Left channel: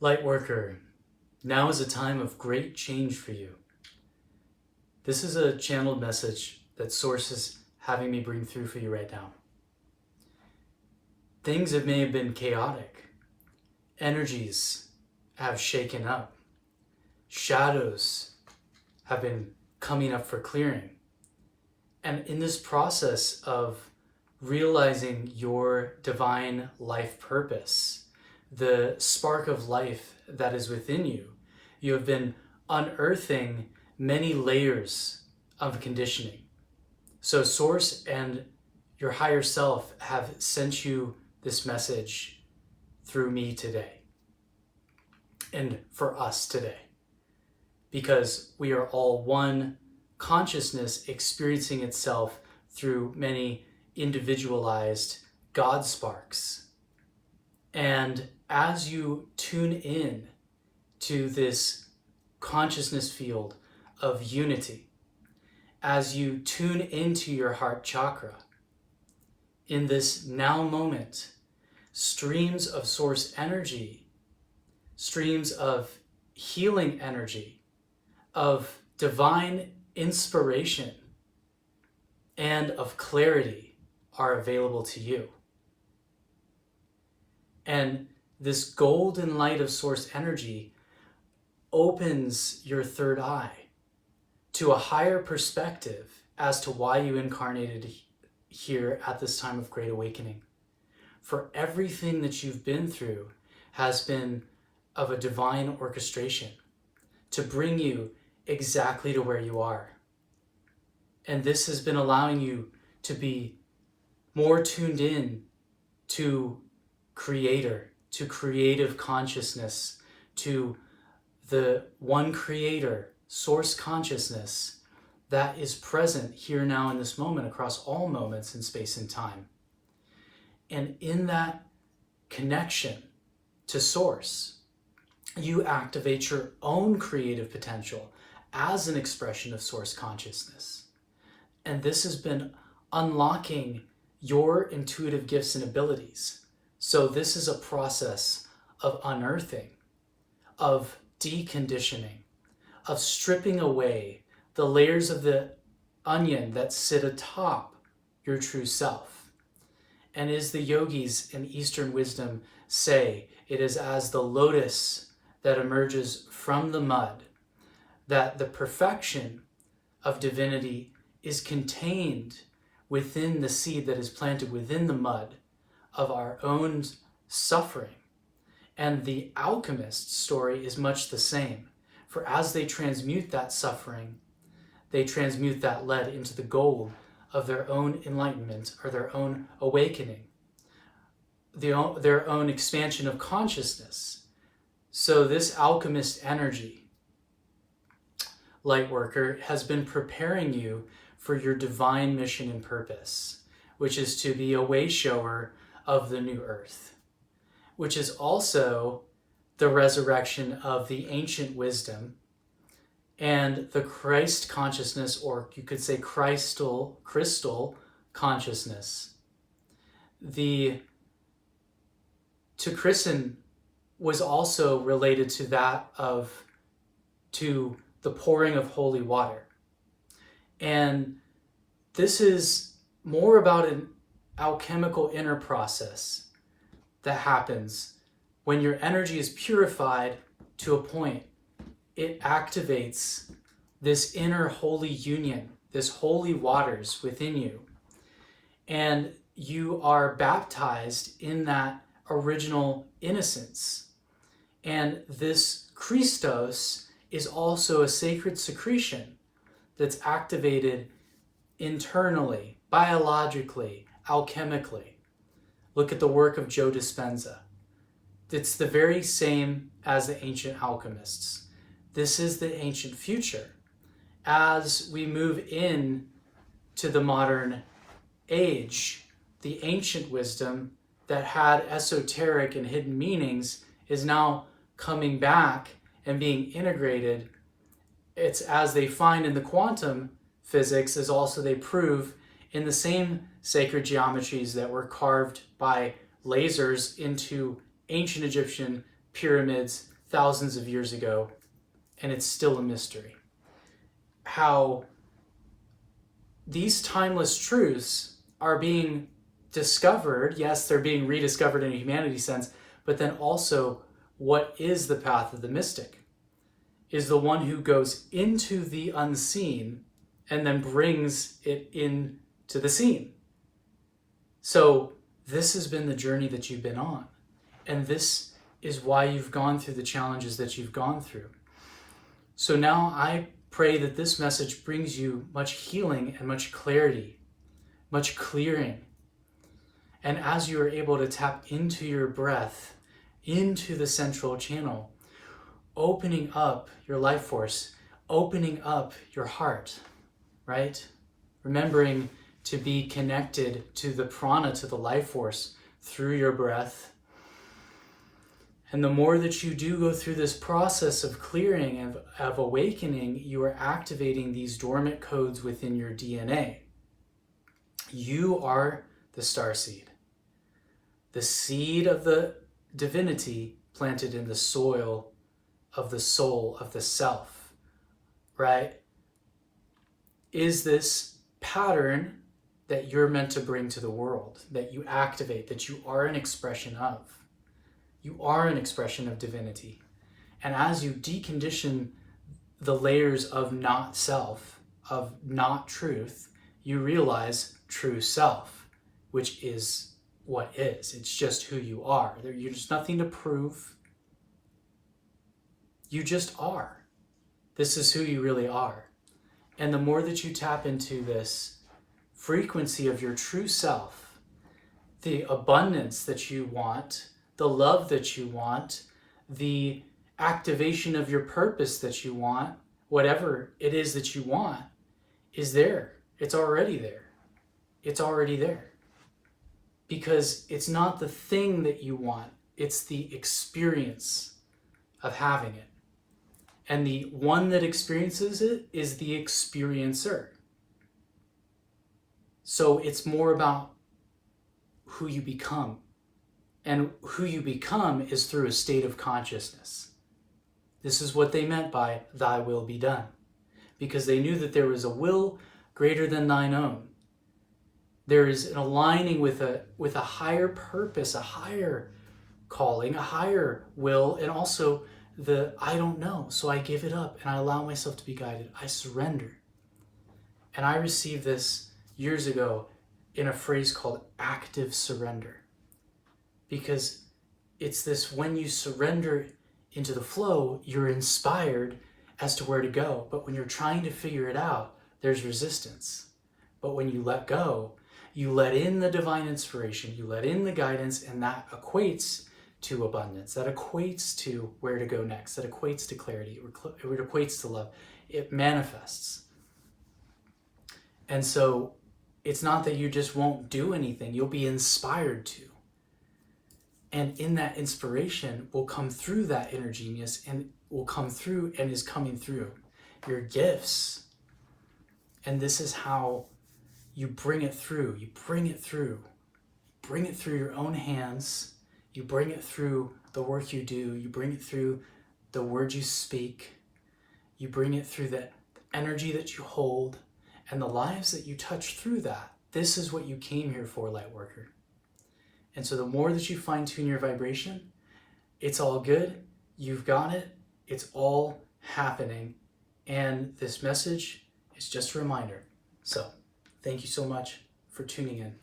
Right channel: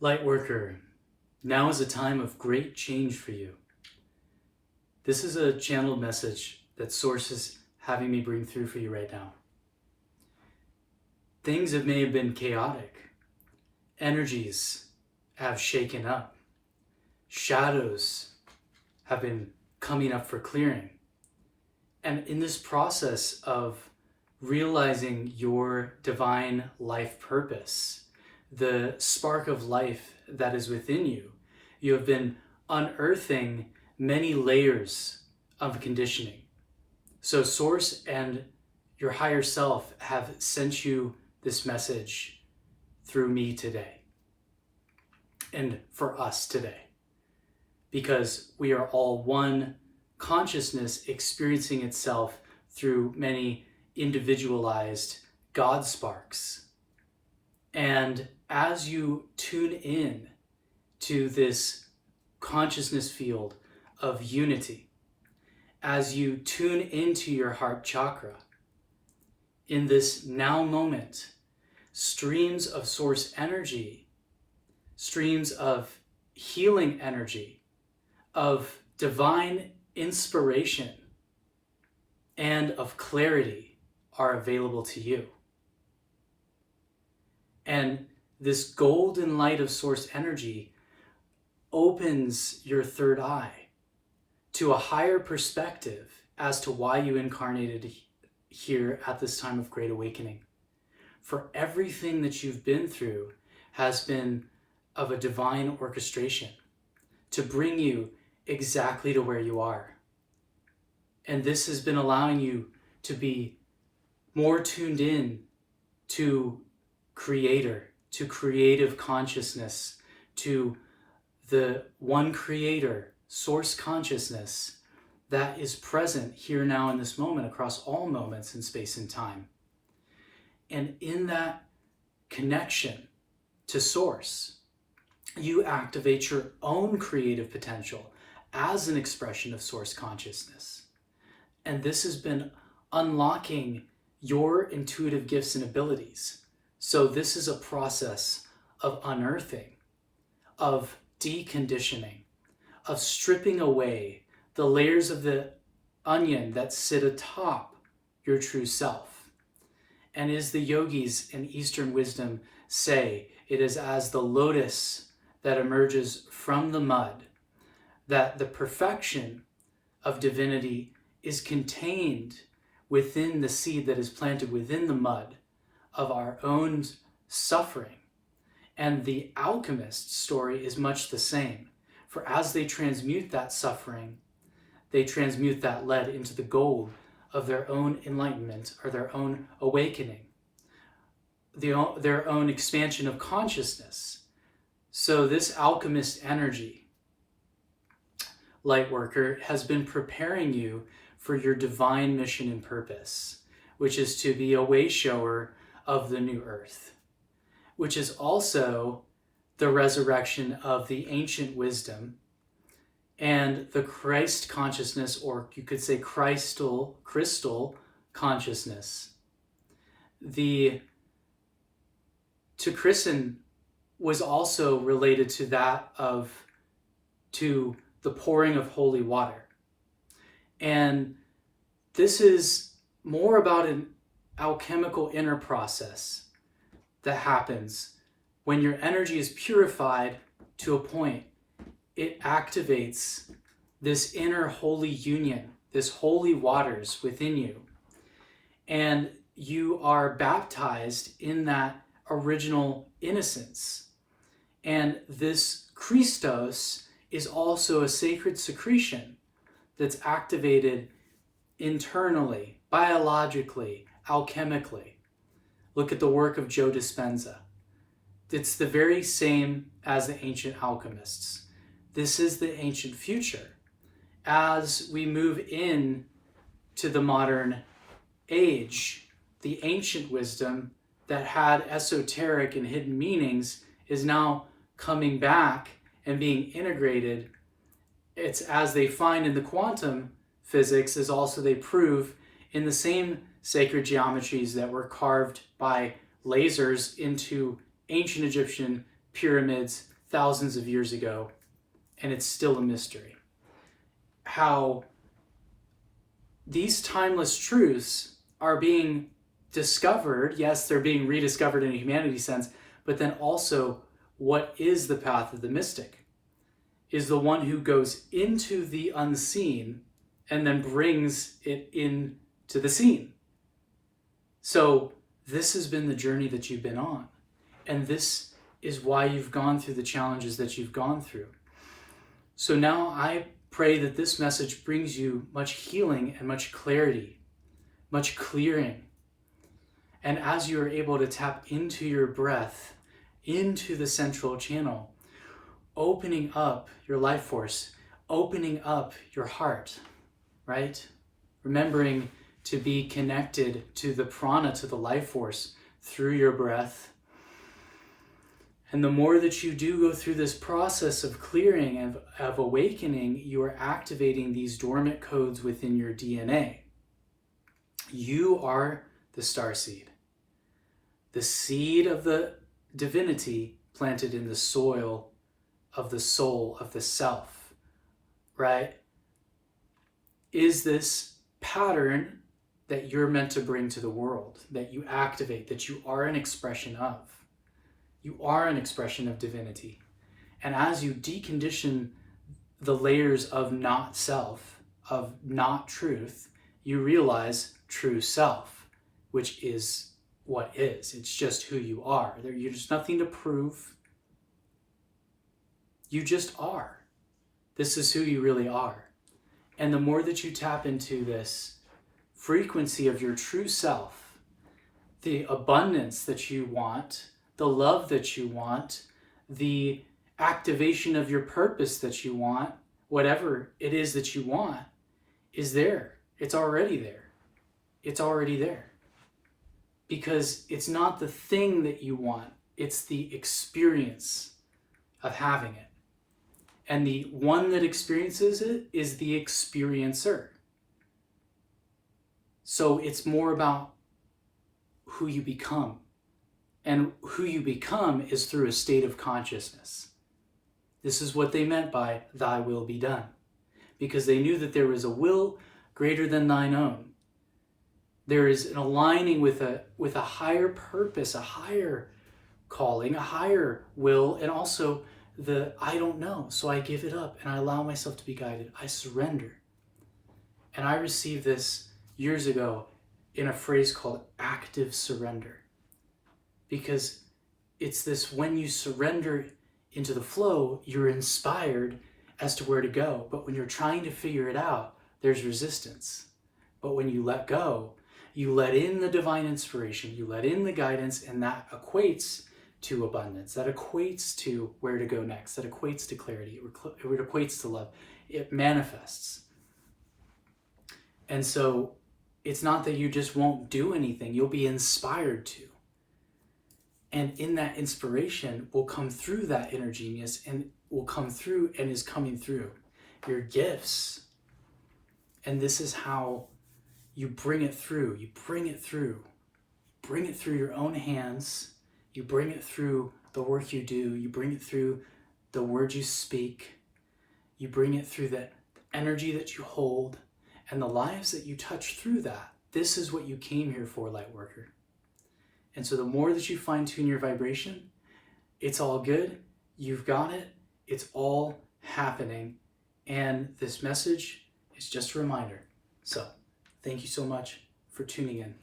Lightworker, now is a time of great change for you. This is a channeled message that Source is having me bring through for you right now. Things that may have been chaotic, energies have shaken up, shadows have been coming up for clearing. And in this process of realizing your divine life purpose, the spark of life that is within you, you have been unearthing many layers of conditioning. So Source and your higher self have sent you this message through me today and for us today, because we are all one consciousness experiencing itself through many individualized God sparks. And as you tune in to this consciousness field of unity, as you tune into your heart chakra, in this now moment, streams of Source energy, streams of healing energy, of divine inspiration, and of clarity are available to you. And this golden light of Source energy opens your third eye to a higher perspective as to why you incarnated here at this time of great awakening. For everything that you've been through has been of a divine orchestration to bring you exactly to where you are. And this has been allowing you to be more tuned in to Creator, to creative consciousness, to the one Creator, Source consciousness that is present here now in this moment across all moments in space and time. And in that connection to Source, you activate your own creative potential as an expression of Source consciousness. And this has been unlocking your intuitive gifts and abilities. So this is a process of unearthing, of deconditioning, of stripping away the layers of the onion that sit atop your true self. And as the yogis in Eastern wisdom say, it is as the lotus that emerges from the mud that the perfection of divinity is contained within the seed that is planted within the mud of our own suffering. And the alchemist's story is much the same. For as they transmute that suffering, they transmute that lead into the gold of their own enlightenment or their own awakening, their own expansion of consciousness. So this alchemist energy, Lightworker, has been preparing you for your divine mission and purpose, which is to be a way shower of the new earth, which is also the resurrection of the ancient wisdom and the Christ consciousness, or you could say crystal consciousness. To christen was also related to that to the pouring of holy water. And this is more about an alchemical inner process that happens when your energy is purified to a point. It activates this inner holy union, this holy waters within you. And you are baptized in that original innocence. And this Christos is also a sacred secretion that's activated internally, biologically, alchemically. Look at the work of Joe Dispenza. It's the very same as the ancient alchemists. This is the ancient future. As we move in to the modern age, the ancient wisdom that had esoteric and hidden meanings is now coming back and being integrated. It's as they find in the quantum physics as also they prove in the same sacred geometries that were carved by lasers into ancient Egyptian pyramids thousands of years ago, and it's still a mystery. How these timeless truths are being discovered. Yes, they're being rediscovered in a humanity sense, but then also, what is the path of the mystic? Is the one who goes into the unseen and then brings it into the seen. So this has been the journey that you've been on. And this is why you've gone through the challenges that you've gone through. So now I pray that this message brings you much healing and much clarity, much clearing. And as you are able to tap into your breath, into the central channel, opening up your life force, opening up your heart, right? Remembering to be connected to the prana, to the life force through your breath. And the more that you do go through this process of clearing and of awakening, you are activating these dormant codes within your DNA. You are the starseed, the seed of the divinity planted in the soil of the soul, of the self, right? Is this pattern that you're meant to bring to the world, that you activate, that you are an expression of. You are an expression of divinity. And as you decondition the layers of not self, of not truth, you realize true self, which is what is. It's just who you are. You're just nothing to prove. You just are. This is who you really are. And the more that you tap into this frequency of your true self, the abundance that you want, the love that you want, the activation of your purpose that you want, whatever it is that you want, is there. It's already there. It's already there. Because it's not the thing that you want, it's the experience of having it. And the one that experiences it is the experiencer. So it's more about who you become. And who you become is through a state of consciousness. This is what they meant by thy will be done. Because they knew that there was a will greater than thine own. There is an aligning with a higher purpose, a higher calling, a higher will, and also the I don't know, so I give it up and I allow myself to be guided. I surrender. And I received this years ago in a phrase called active surrender. Because it's this, when you surrender into the flow, you're inspired as to where to go. But when you're trying to figure it out, there's resistance. But when you let go, you let in the divine inspiration, you let in the guidance, and that equates to abundance, that equates to where to go next, that equates to clarity, it equates to love. It manifests. And so it's not that you just won't do anything, you'll be inspired to. And in that inspiration will come through that inner genius, and will come through and is coming through your gifts. And this is how you bring it through. You bring it through. Bring it through your own hands. You bring it through the work you do. You bring it through the words you speak. You bring it through the energy that you hold and the lives that you touch through that. This is what you came here for, light worker. And so the more that you fine tune your vibration, it's all good. You've got it. It's all happening. And this message is just a reminder. So thank you so much for tuning in.